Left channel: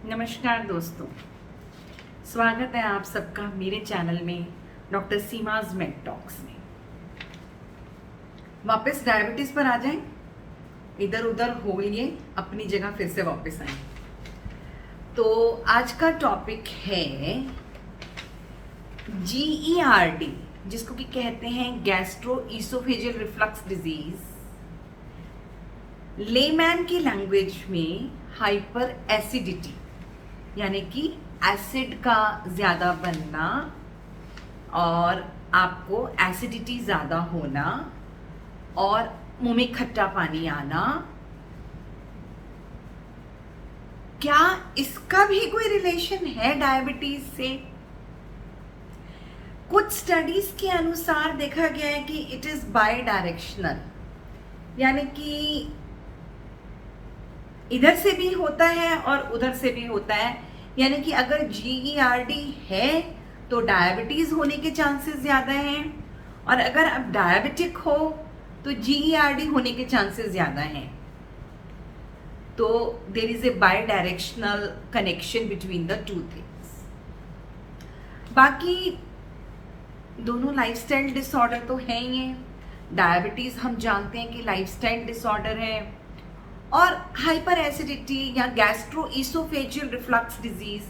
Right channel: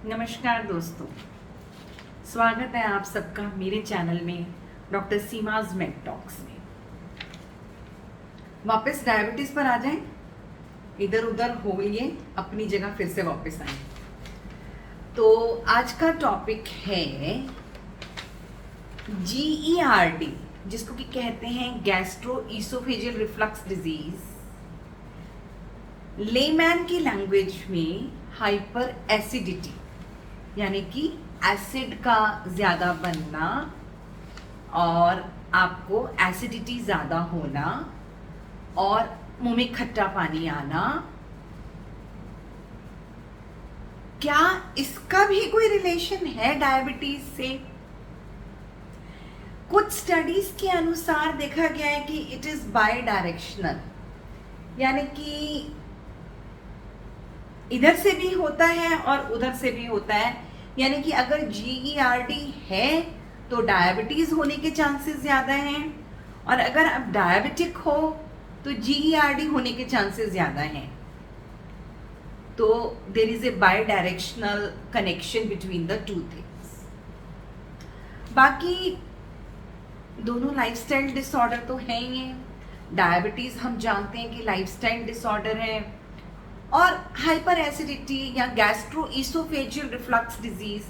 नमस्कार दोस्तों, स्वागत है आप सबका मेरे चैनल में डॉक्टर सीमाज मेड टॉक्स में। वापस डायबिटीज पर आ जाएं, इधर उधर हो लिए अपनी जगह फिर से वापस आए। तो आज का टॉपिक है GERD, जिसको कि कहते हैं gastro oesophageal reflux disease, layman की लैंग्वेज में हाइपर एसिडिटी, यानी कि एसिड का ज़्यादा बनना और आपको एसिडिटी ज़्यादा होना और मुंह में खट्टा पानी आना। क्या इसका भी कोई रिलेशन है डायबिटीज से? कुछ स्टडीज के अनुसार देखा गया है कि इट इज बाई डायरेक्शनल, यानी कि इधर से भी होता है और उधर से भी होता है। यानी कि अगर GERD है तो डायबिटीज होने के चांसेस ज्यादा हैं, और अगर आप डायबिटिक हो तो GERD होने के चांसेस ज्यादा हैं। तो there is a bidirectional connection between the two things. बाकी दोनों लाइफस्टाइल डिसऑर्डर तो है ही है। डायबिटीज हम जानते हैं कि लाइफस्टाइल डिसऑर्डर है, और हाइपर एसिडिटी या गैस्ट्रो ईसोफेजियल रिफ्लक्स डिजीज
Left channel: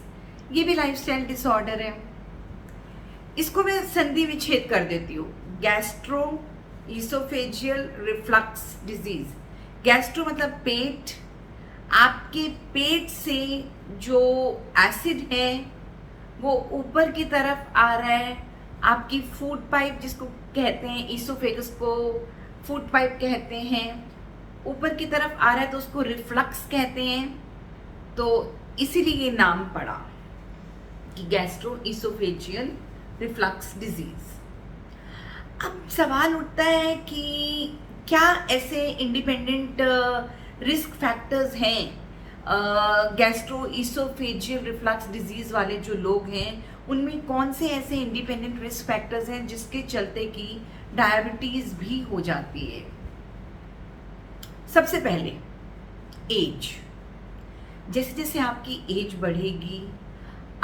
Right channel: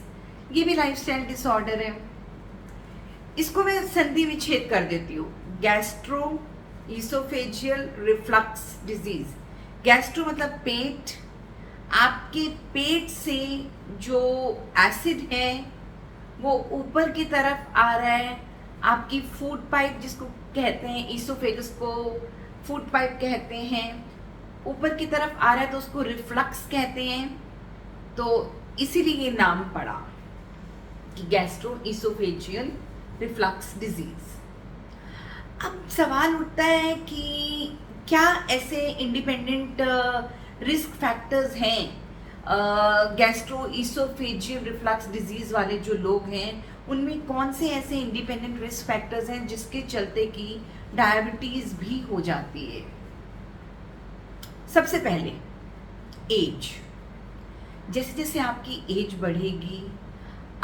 ये भी लाइफस्टाइल डिसऑर्डर है। इसको मैं संधि विच्छेद कर देती हूँ। Gastro oesophageal reflux disease, gastro मतलब पेट, आपके पेट से जो एसिड है वो ऊपर की तरफ आ रहा है, आपकी फूड पाइप जिसको कहते हैं, ईसोफेगस को फूड पाइप कहते हैं, ऊपर की तरफ आ रहा है तो उसको रिफ्लक्स कहते हैं। तो इसीलिए ये नाम पड़ा कि गैस्ट्रो ईसोफेजियल रिफ्लक्स डिजीज। अब सवाल उठता है कि क्या ऐसे इंडिपेंडेंट रिस्क फैक्टर्स हैं गैस्ट्रो ईसोफेजियल रिफ्लक्स डिजीज वाले जो लोग हैं, उनमें कौन से ऐसे इंडिपेंडेंट रिस्क फैक्टर्स हैं जिसके चलते कि डायबिटीज भी हो जाती है? सबसे पहले एज। जैसे जैसे आपकी एज बढ़ेगी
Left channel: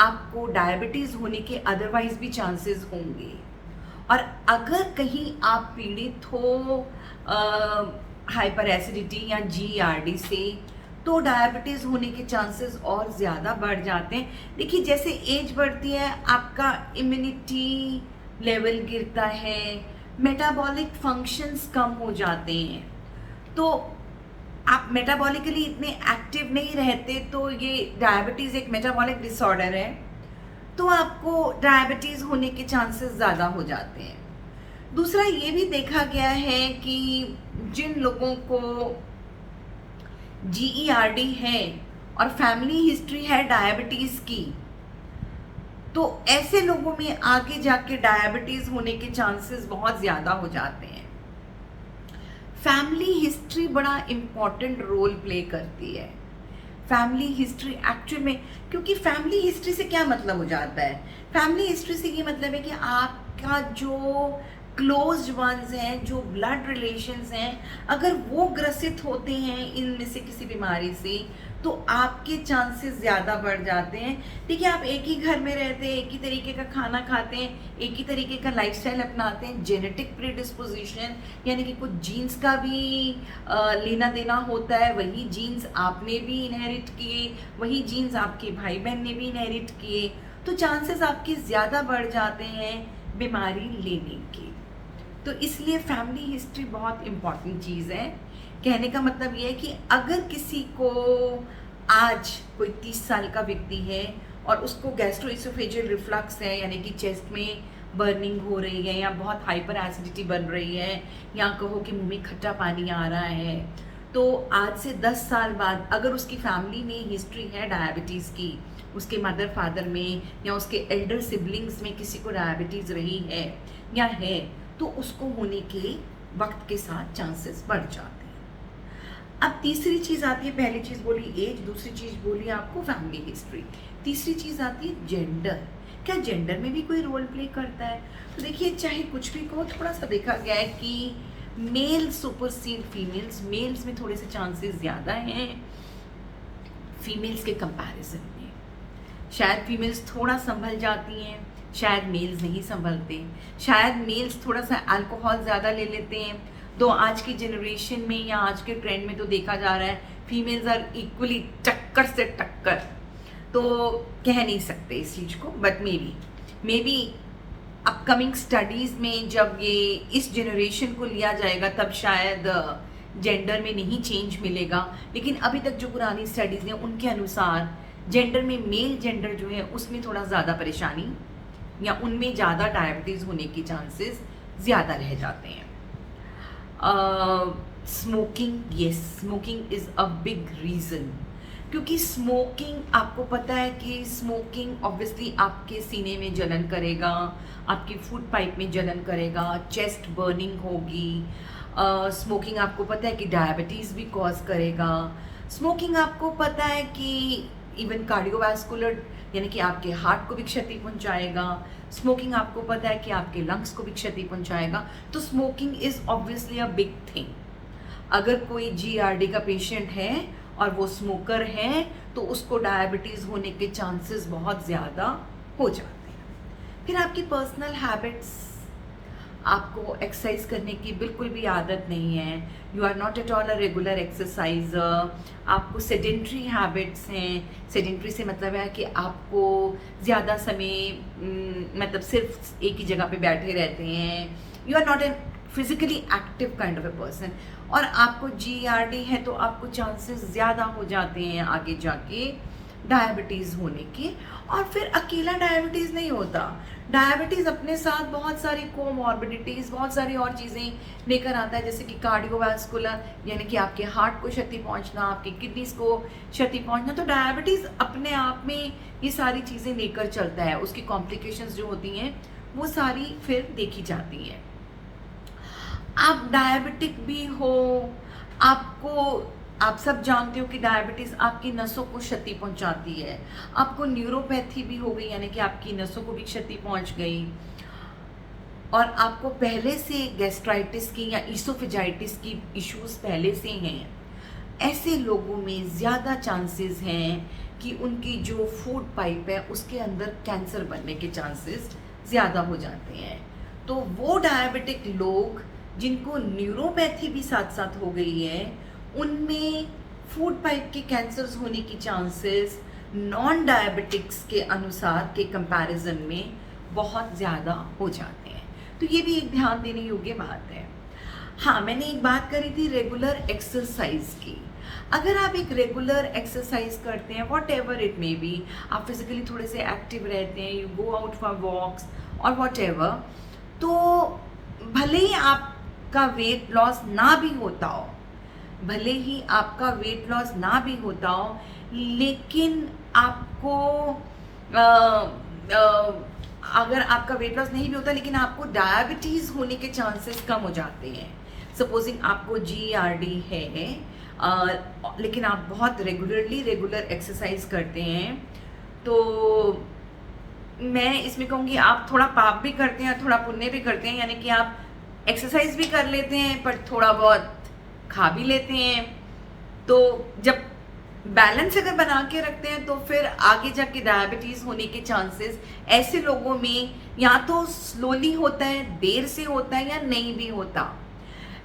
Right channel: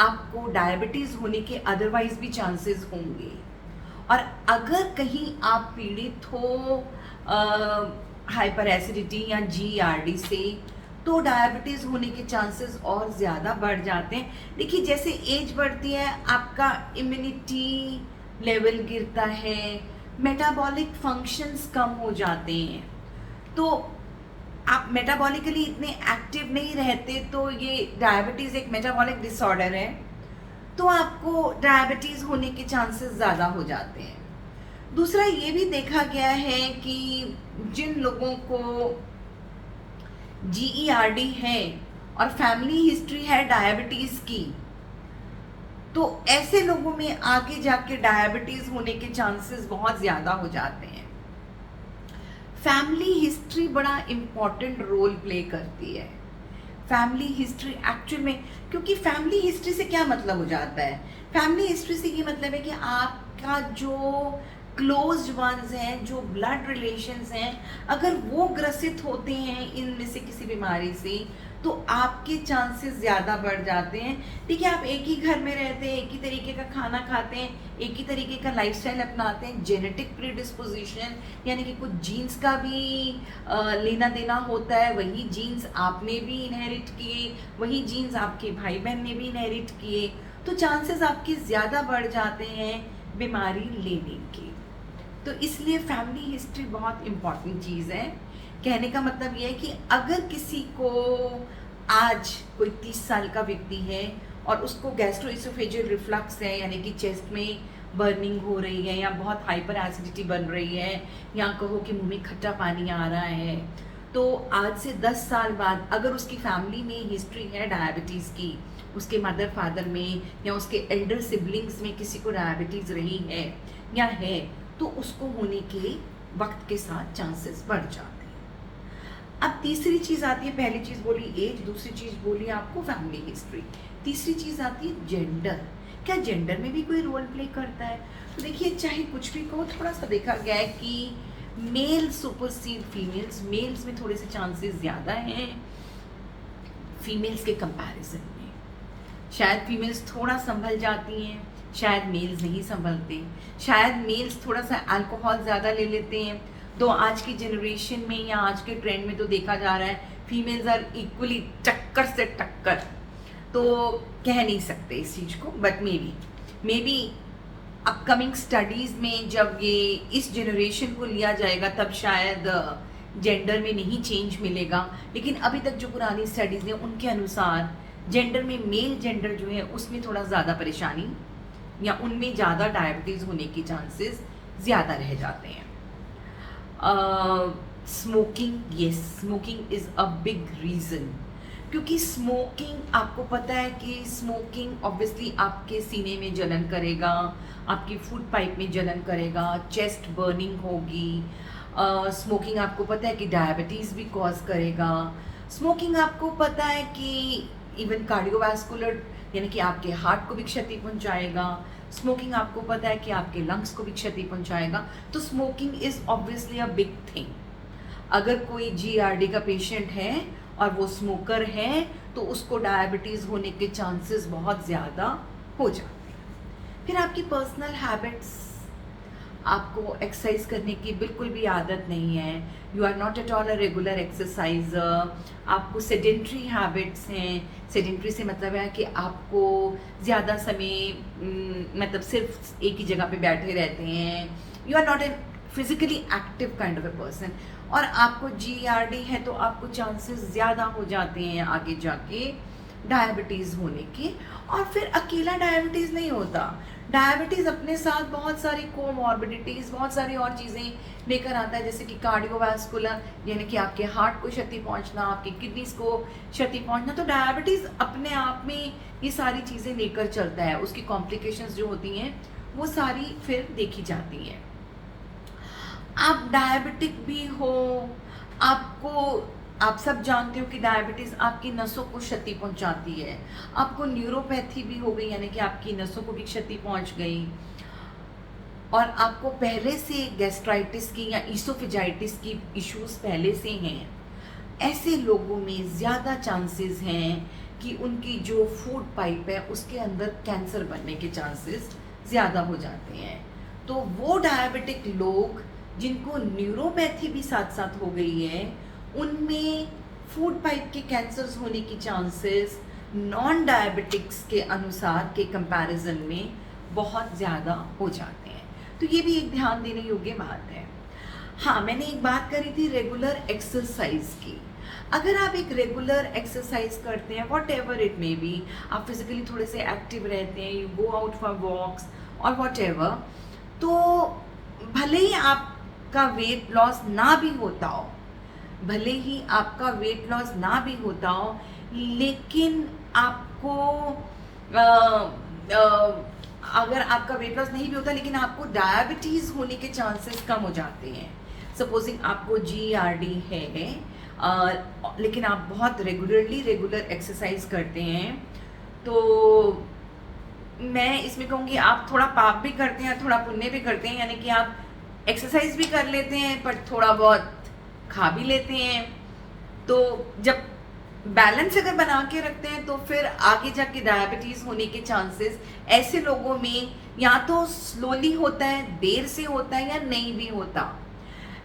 आपको डायबिटीज होने के अदरवाइज भी चांसेस होंगे, और अगर कहीं आप पीड़ित हो हाइपर एसिडिटी या GERD से तो डायबिटीज होने के चांसेस और ज़्यादा बढ़ जाते हैं। देखिए, जैसे एज बढ़ती है आपका इम्यूनिटी लेवल गिरता है, मेटाबॉलिक फंक्शंस कम हो जाते हैं, तो आप मेटाबॉलिकली इतने एक्टिव नहीं रहते। तो ये डायबिटीज़ एक मेटाबॉलिक डिसऑर्डर है, तो आपको डायबिटीज़ होने के चांसेस ज़्यादा हो जाते हैं। दूसरा ये भी देखा गया है कि जिन लोगों को GERD है और फैमिली हिस्ट्री है डायबिटीज़ की, तो ऐसे लोगों में आगे जाके डायबिटीज़ होने के चांसेस बहुत ज़्यादा हो जाते हैं। फैमिली हिस्ट्री बड़ा इम्पॉर्टेंट रोल प्ले करती है। फैमिली हिस्ट्री एक्चुअल में, क्योंकि फैमिली हिस्ट्री से क्या मतलब हो जाता है? फैमिली हिस्ट्री से ये मतलब है कि आपका जो क्लोज वंस हैं, जो ब्लड रिलेशंस हैं, अगर वो ग्रसित होते हैं इनमें से किसी बीमारी से तो आपके चांसेस ज़्यादा बढ़ जाते हैं। देखिए, आप एक ही घर में रहते हैं, एक ही तरीके का खाना खाते हैं, एक ही तरीके का लाइफस्टाइल अपनाते हैं, जेनेटिक प्रीडिस्पोजिशन यानी कि कुछ जीन्स का भी लेना देना होता है, वही जीन्स आपने भी इनहेरिट किए, वही जीन्स आपके भाई बहन ने भी इनहेरिट किए, तो चांसेस आपके ज़्यादा बढ़ जाते हैं बीमारी लेने के। तो इसलिए फैमिली हिस्ट्री बहुत इम्पॉर्टेंट चीज़ है। कहने का मतलब ये है कि अगर किसी को आज कोई 30 साल का व्यक्ति है और उसको गैस्ट्रो ईसोफेजियल रिफ्लक्स है, यानी कि चेस्ट में बर्निंग हो रही है या बहुत हाइपर एसिडिटी बन रही है, या कहो कि मुंह में खट्टा पानी आ रहा है, तो आज से 10 साल बाद अगर उसकी फैमिली में हिस्ट्री है डायबिटीज़ की, उसके मदर फादर में या उसके एल्डर सिबलिंग्स में किसी को डायबिटीज़ रही है या है, तो उसको होने के वक्त के साथ चांसेस बढ़ जाते हैं। अब तीसरी चीज़ आती है, पहली चीज़ बोली एज, दूसरी चीज़ बोली आपको फैमिली हिस्ट्री, तीसरी चीज़ आती है जेंडर। क्या जेंडर में भी कोई रोल प्ले करता है? तो देखिए, चाहे कुछ भी कहो, थोड़ा सा देखा गया है कि मेल सुपरसीड फीमेल्स, मेल्स में थोड़े से चांसेस ज़्यादा हैं, फीमेल्स के कंपैरिजन में। शायद फीमेल्स थोड़ा संभल जाती हैं, शायद मेल्स नहीं संभलते, शायद मेल्स थोड़ा सा अल्कोहल ज़्यादा ले लेते हैं। तो आज की जनरेशन में या आज के ट्रेंड में तो देखा जा रहा है फीमेल्स आर इक्वली टक्कर से टक्कर, तो कह नहीं सकते इस चीज़ को, but may be upcoming studies में जब ये इस जनरेशन को लिया जाएगा तब शायद जेंडर में नहीं चेंज मिलेगा। लेकिन अभी तक जो पुरानी स्टडीज़ हैं उनके अनुसार जेंडर में मेल जेंडर जो है उसमें थोड़ा ज़्यादा परेशानी या उनमें ज़्यादा डायबिटीज़ होने के चांसेस ज़्यादा रह जाते हैं। Smoking, yes, smoking is a big reason, क्योंकि स्मोकिंग आपको पता है कि स्मोकिंग ऑब्वियसली आपके सीने में जलन करेगा, आपकी फूड पाइप में जलन करेगा, चेस्ट बर्निंग होगी। स्मोकिंग आपको पता है कि डायबिटीज़ भी कॉज करेगा। स्मोकिंग आपको पता है कि इवन कार्डियोवास्कुलर यानी कि आपके हार्ट को भी क्षति पहुंचाएगा। स्मोकिंग आपको पता है कि आपके लंग्स को भी क्षति पहुंचाएगा। तो smoking is obviously a big thing. अगर कोई जीआरडी का पेशेंट है और वो स्मोकर है तो उसको डायबिटीज़ होने के चांसेस बहुत ज़्यादा हो जाते हैं। फिर आपकी पर्सनल हैबिट्स, आपको एक्सरसाइज करने की बिल्कुल भी आदत नहीं है, you are not at all a regular exerciser, आपको सेडेंट्री हैबिट्स हैं। सेडेंट्री से मतलब है कि आपको ज़्यादा समय मतलब सिर्फ एक ही जगह पे बैठे रहते हैं, you are not an physically active kind of a person, और आपको जीआरडी है तो आपको चांसेस ज़्यादा हो जाते हैं आगे जाके डायबिटीज़ होने के। और फिर अकेला डायबिटीज़ नहीं होता, डायबिटीज़ अपने साथ बहुत सारी कोमॉर्बिडिटीज़, बहुत सारी और चीज़ें लेकर आता है, जैसे कि कार्डियोवास्कुलर यानी कि आपके हार्ट को क्षति पहुंचना, आपकी किडनीज़ को क्षति पहुंचना। तो डायबिटीज़ अपने आप में ये सारी चीज़ें लेकर चलता है, उसकी कॉम्प्लिकेशंस जो होती हैं वो सारी फिर देखी जाती हैं। आप डायबिटिक भी हो, आप सब जानते हो कि डायबिटीज़ आपकी नसों को क्षति पहुंचाती है। आपको न्यूरोपैथी भी हो गई यानी कि आपकी नसों को भी क्षति पहुंच गई, और आपको पहले से गैस्ट्राइटिस की या ईसोफेजाइटिस की इश्यूज पहले से हैं, ऐसे लोगों में ज़्यादा चांसेस हैं कि उनकी जो फूड पाइप है उसके अंदर कैंसर बनने के चांसेस ज़्यादा हो जाते हैं। तो वो डायबिटिक लोग जिनको न्यूरोपैथी भी साथ साथ हो गई है, उनमें फूड पाइप के कैंसर्स होने की चांसेस नॉन डायबिटिक्स के अनुसार के कंपैरिजन में बहुत ज़्यादा हो जाते हैं। तो ये भी एक ध्यान देने योग्य बात है। हाँ, मैंने एक बात करी थी रेगुलर एक्सरसाइज की। अगर आप एक रेगुलर एक्सरसाइज करते हैं, whatever it may be, आप फिजिकली थोड़े से एक्टिव रहते हैं, you go out for walks और वॉट एवर, तो भले ही आपका वेट लॉस ना भी होता हो, भले ही आपका वेट लॉस ना भी होता हो, लेकिन आपको अगर आपका वेट लॉस नहीं भी होता लेकिन आपको डायबिटीज़ होने के चांसेस कम हो जाते हैं। सपोजिंग आपको जीआरडी है, लेकिन आप बहुत रेगुलर एक्सरसाइज करते हैं, तो मैं इसमें कहूँगी आप थोड़ा पाप भी करते हैं, थोड़ा पुण्य भी करते हैं, यानी कि आप एक्सरसाइज भी कर लेते हैं पर थोड़ा बहुत खा भी लेते हैं। तो जब बैलेंस अगर बना के रखते हैं तो फिर आगे जाके डायबिटीज़ होने के चांसेस ऐसे लोगों में या तो स्लोली होता है, देर से होता है, या नहीं भी होता।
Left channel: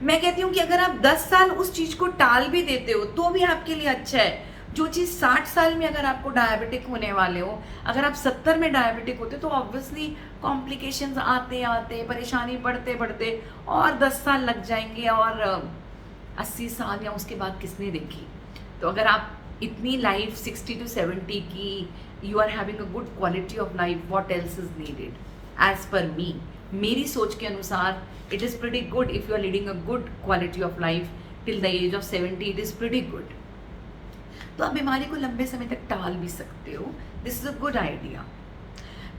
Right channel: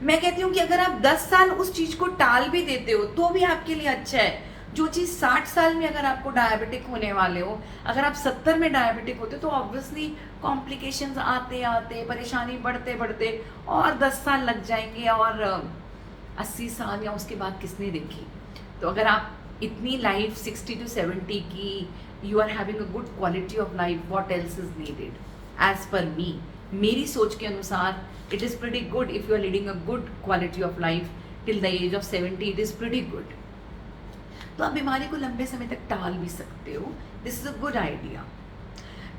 मैं कहती हूँ कि अगर आप 10 साल उस चीज़ को टाल भी देते हो तो भी आपके लिए अच्छा है। जो चीज़ 60 साल में अगर आपको डायबिटिक होने वाले हो, अगर आप 70 में डायबिटिक होते तो ऑब्वियसली कॉम्प्लिकेशंस आते आते, परेशानी बढ़ते बढ़ते और 10 साल लग जाएंगे, और 80 साल या उसके बाद किसने देखी। तो अगर आप इतनी लाइफ 60 to 70 की, you are having a good quality of life, what else is needed as per me. मेरी सोच के अनुसार it is pretty good if you are leading a good quality of life till the age of 70, it is pretty good. तो आप बीमारी को लंबे समय तक टाल भी सकते हो, this is a good idea.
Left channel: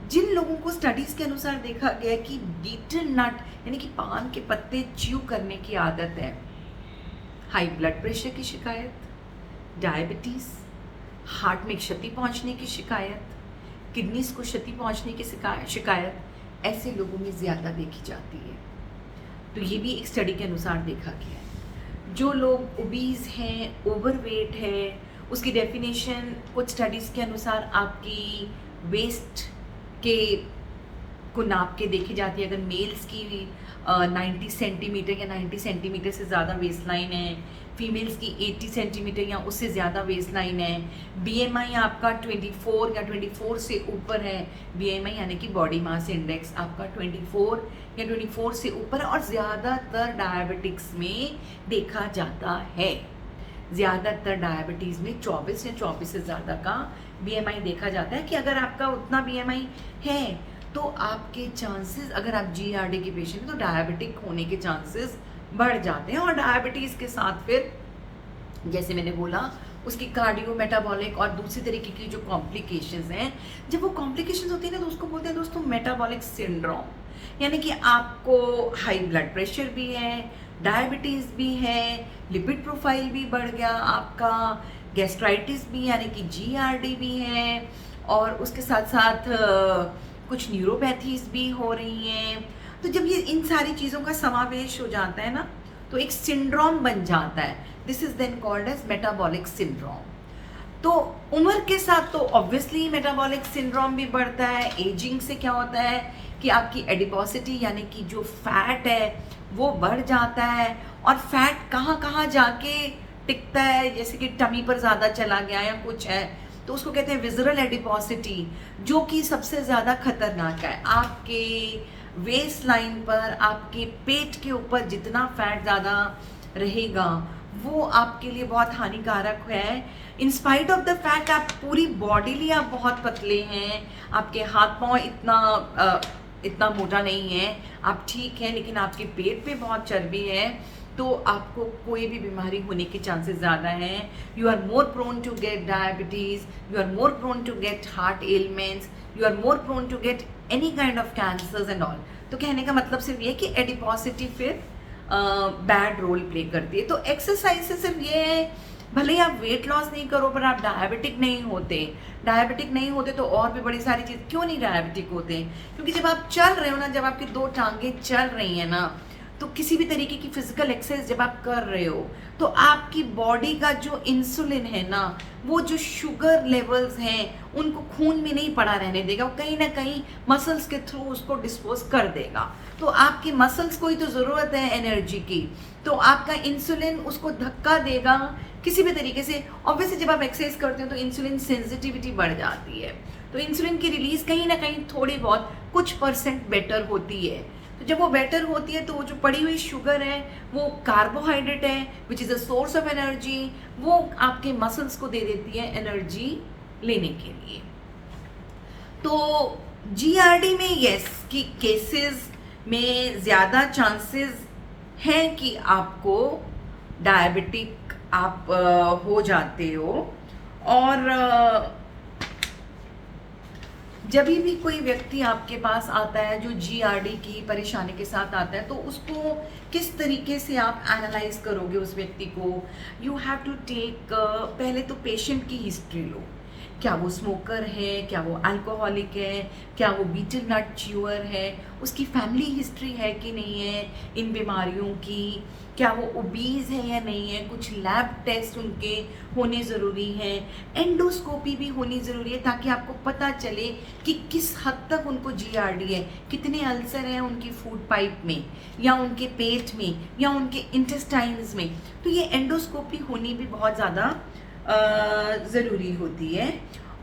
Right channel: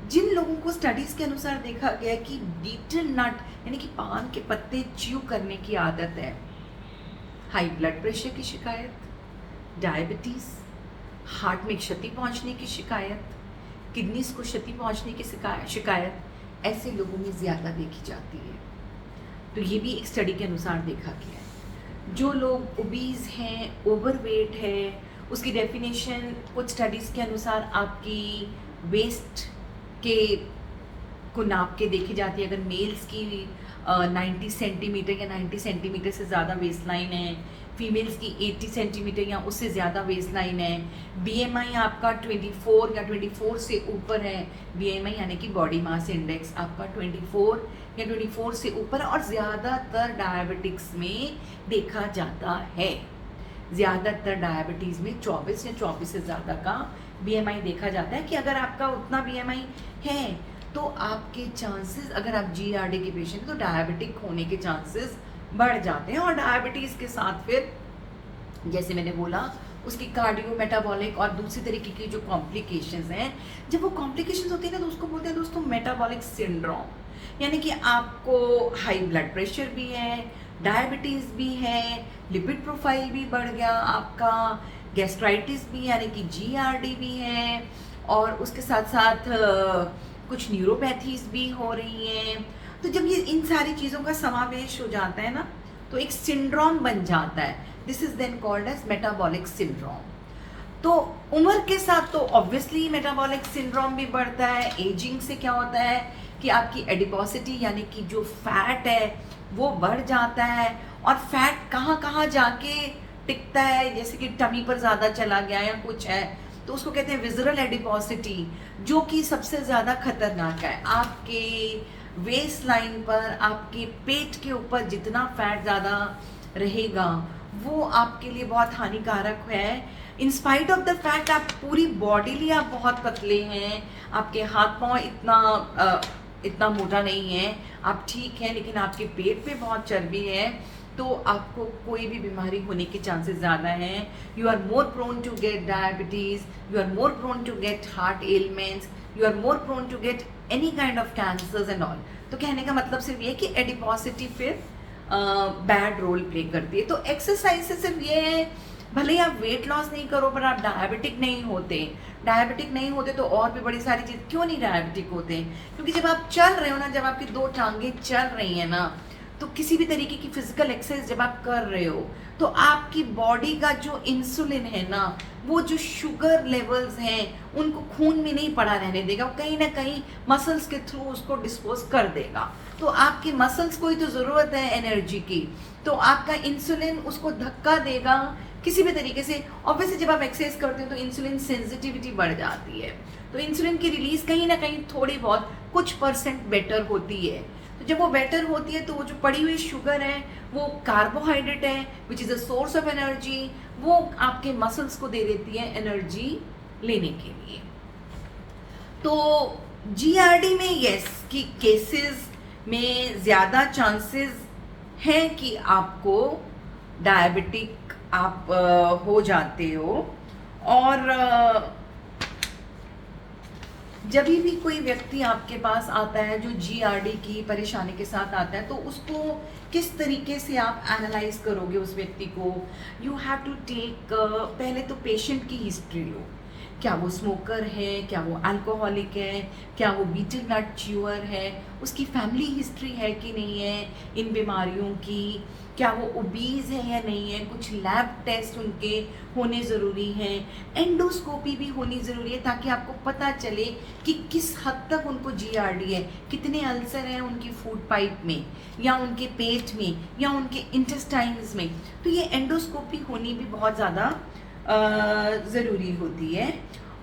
जिन लोगों को स्टडीज़ के अनुसार देखा गया है कि बीटल नट यानी कि पान के पत्ते च्यू करने की आदत है, हाई ब्लड प्रेशर की शिकायत, डायबिटीज़, हार्ट में क्षति पहुंचने की शिकायत, किडनीज को क्षति पहुंचने की शिकायत ऐसे लोगों में ज़्यादा देखी जाती है। तो ये भी एक स्टडी के अनुसार देखा गया है। जो लोग ओबीज हैं, ओवरवेट है, उसकी डेफिनेशन कुछ स्टडीज़ के अनुसार आपकी वेस्ट के को नाप के देखी जाती है। अगर मेल्स की 90 सेंटीमीटर या 90 सेंटीमीटर से ज़्यादा वेस्ट लाइन है, फीमेल्स की 80 सेंटीमीटर या उससे ज़्यादा वेस्ट लाइन है, बीएमआई आपका 24 या 24 से ऊपर है, बीएमआई यानी कि बॉडी मास इंडेक्स आपका 24 या 24 से ऊपर, और ज़्यादातर डायबिटिक्स में देखा जाता है, ज़्यादातर डायबिटीज़ में 24 या 24 से ज़्यादा का बीएमआई देखा जाता है कि अगर आपका उतना बीएमआई है तो आपके चांसेस, अगर आप जीआरडी के पेशेंट, तो डायबिटिक होने के चांसेस बढ़ जाते हैं। और डायबिटीज़ के साथ फिर जैसे मैंने बोला उसकी कार्डियो मेटाबॉलिक और दूसरी तरीके की जो कॉम्प्लिकेशंस हैं, जब वो कॉम्प्लिकेशंस होती है ना तो उसको बोलते हैं दोस्तों मेटाबॉलिक सिंड्रोम, यानी कि आपको हाई ब्लड प्रेशर भी है, डायबिटीज़ भी है, लिपिड प्रोफाइल भी बढ़ गया आपका, गैस्ट्राइटिस भी यानी कि जीआरडी भी है, और उसके साथ साथ कुछ न्यूरोपैथीज भी हो रही हैं। तो जब ये इन सारी चीज़ों का समावेश हो जाता है ना तो एक सिंड्रोम बन जाता है। This is then called as metabolic syndrome. तो उम्र के साथ तो ऑब्वियसली मेटाबॉलिक सिंड्रोम भी बढ़ता है। एजिंग से क्या होता है कि आपकी एडिपोसिटी यानी कि जो फैट है वो बढ़ जाता है, और फैट कहाँ कहाँ जाके टिकता है, जैसे कि टमी पर ज़्यादा चला गया या कुछ है तो उसको कहते हैं विजरल एडिपोसिटी, जो कि सबसे ज़्यादा खतरनाक है। आपके वेस्ट लाइन पर, आपके पेट के ऊपर जितना फैट ज़्यादा रहेगा वो आपके लिए बहुत हानिकारक है। In spite of the fact आप पूरी बॉडीली आप बहुत पतले हैं, आपके हाथ पाँव इतना मोटा नहीं है, आप ठीक हैं, लेकिन आपके पेट पे बहुत चर्बी है तो आपको कोई भी बीमारी होने के चांसेस ज़्यादा हैं। You are more prone to get diabetes, you are more prone to get heart ailments, you are more prone to get any kind of cancers and all. तो कहने का मतलब सिर्फ ये कि एडिपोसिटी फिर बैड रोल प्ले करती है। तो एक्सरसाइज से सिर्फ ये है, भले ही आप वेट लॉस नहीं करो पर आप डायबिटिक नहीं होते तो और भी बड़ी सारी चीज़। क्यों नहीं डायबिटिक होते? क्योंकि जब आप चल रहे हो ना, जब आपकी दो टांगें चल रही हैं ना, तो किसी भी तरीके की फिजिकल एक्सरसाइज जब आप कर रहे हो तो आपकी बॉडी का जो इंसुलिन है ना, वो जो शुगर लेवल्स हैं उनको खून में नहीं पड़ा रहने देगा, वो कहीं ना कहीं मसल्स के थ्रू उसको डिस्पोज कर देगा। तो आपकी मसल्स को ही तो ज़रूरत है एनर्जी की, तो आपका इंसुलिन उसको धक्का देगा किसी भी तरीके से। ऑब्वियसली जब आप एक्सरसाइज करते हो तो इंसुलिन सेंसिटिविटी बढ़ जाती है, तो इंसुलिन की रिलीज कहीं ना कहीं थोड़ी बहुत कुछ % बेटर होती है। तो जब वो बेटर होती है तो वो जो पड़ी हुई शुगर है वो कार्बोहाइड्रेट है which is a source of energy, वो आपके मसल्स को दे देती है एनर्जी लेने के लिए। तो जीआरडी में यस की केसेस में ज़्यादा चांसेस हैं कि आपको डायबिटिक आप हो जाते हो। और जब भी कोई व्यक्ति आपके पास आता है जो जीआरडी की परेशानी के साथ आता है तो उसको किस तरीके से आप एनालाइज करोगे उस व्यक्ति को? यू हैव टू टेक, पहले तो पेशेंट की हिस्ट्री लो, क्या वो स्मोकर है, क्या वो अल्कोहलिक है, क्या वो बीटल नट च्यूअर है, उसकी फैमिली हिस्ट्री है कि नहीं है इन बीमारियों की, क्या वो ओबीज है या नहीं है, कुछ लैब टेस्ट उनके होने ज़रूरी हैं, एंडोस्कोपी भी होनी ज़रूरी है ताकि आपको पता चले कि किस हद तक उनको जीआरडी है, कितने अल्सर हैं उनकी फूड पाइप में या उनके पेट में या उनके इंटेस्टाइन्स में। तो ये एंडोस्कोपी होनी भी बहुत ज़्यादा ज़रूरी होती है।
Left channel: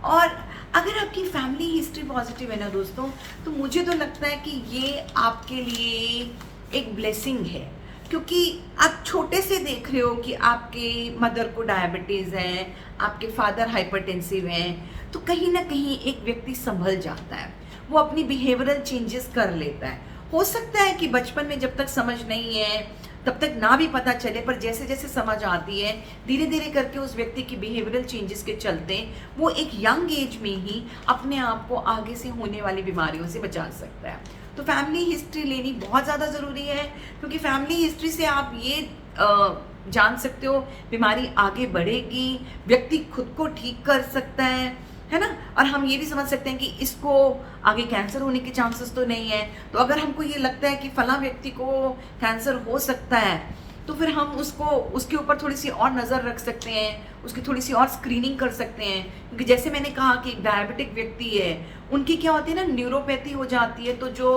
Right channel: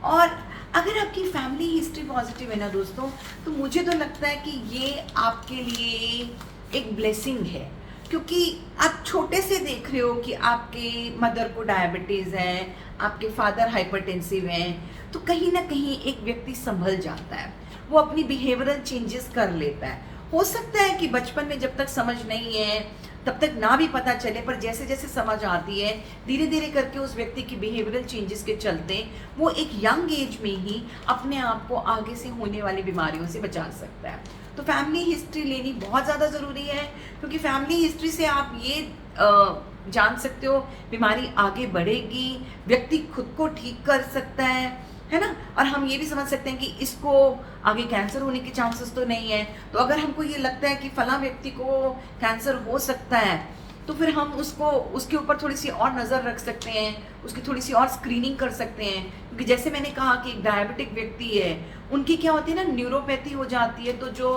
और अगर आपकी फैमिली हिस्ट्री पॉजिटिव है ना दोस्तों, तो मुझे तो लगता है कि ये आपके लिए एक ब्लेसिंग है, क्योंकि आप छोटे से देख रहे हो कि आपके मदर को डायबिटीज़ है, आपके फादर हाइपरटेंसिव हैं, तो कहीं ना कहीं एक व्यक्ति संभल जाता है, वो अपनी बिहेवियरल चेंजेस कर लेता है। हो सकता है कि बचपन में जब तक समझ नहीं है तब तक ना भी पता चले, पर जैसे जैसे समझ आती है धीरे धीरे करके उस व्यक्ति की बिहेवियरल चेंजेस के चलते वो एक यंग एज में ही अपने आप को आगे से होने वाली बीमारियों से बचा सकता है। तो फैमिली हिस्ट्री लेनी बहुत ज़्यादा ज़रूरी है, क्योंकि फैमिली हिस्ट्री से आप ये जान सकते हो बीमारी आगे बढ़ेगी, व्यक्ति खुद को ठीक कर सकता है ना। और हम ये भी समझ सकते हैं कि इसको आगे कैंसर होने के चांसेस तो नहीं है, तो अगर हमको ये लगता है कि फला व्यक्ति को कैंसर हो सकता है तो फिर हम उसको उसके ऊपर थोड़ी सी और नज़र रख सकते हैं, उसकी थोड़ी सी और स्क्रीनिंग कर सकते हैं। क्योंकि जैसे मैंने कहा कि एक डायबिटिक व्यक्ति है, उनकी क्या होती है ना, न्यूरोपैथी हो जाती है, तो जो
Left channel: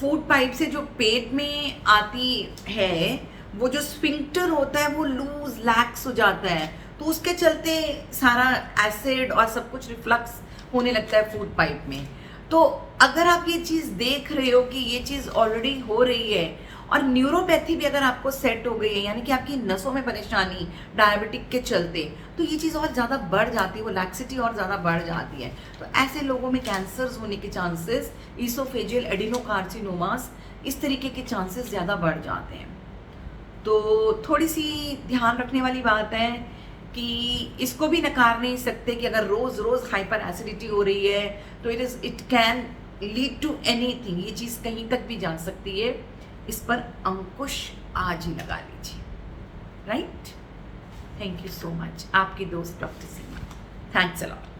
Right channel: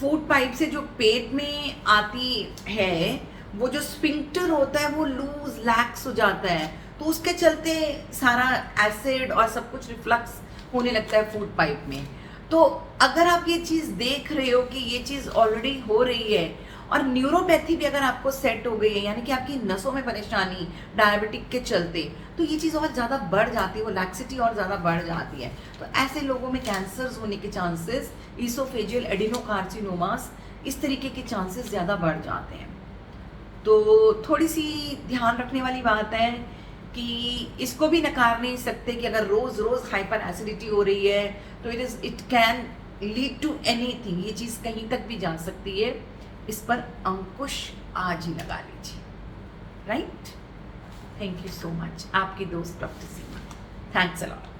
फूड पाइप से जो पेट में आती है, वो जो स्फिंक्टर होता है वो लूज लैक्स हो जाता है, तो उसके चलते सारा एसिड और सब कुछ रिफ्लक्स होने लगता है फूड पाइप में। तो अगर आप ये चीज़ देख रहे हो कि ये चीज़ ऑलरेडी हो रही है और न्यूरोपैथी भी अगर आपको सेट हो गई है, यानी कि आपकी नसों में परेशानी डायबिटिक के चलते, तो ये चीज़ और ज़्यादा बढ़ जाती है, वो लैक्सिटी और ज़्यादा बढ़ जाती है। तो ऐसे लोगों में कैंसर्स होने के चांसेस, ईसोफेजियल एडिनोकार्सिनोमास, इस तरीके के चांसेस ज़्यादा बढ़ जाते हैं। तो थोड़ी सी ध्यान रखने वाली बात है कि इसको भी नकार नहीं सकते कि अगर रोज़ रोज़ हाइपर एसिडिटी हो रही है तो it can lead to anything, ये चीज़ कहीं तक भी जा सकती है। इस पर अंकुश आज ही लगा लीजिए, right. Thank you so much. आपकी दोस्त doctor Seema. Thanks a lot.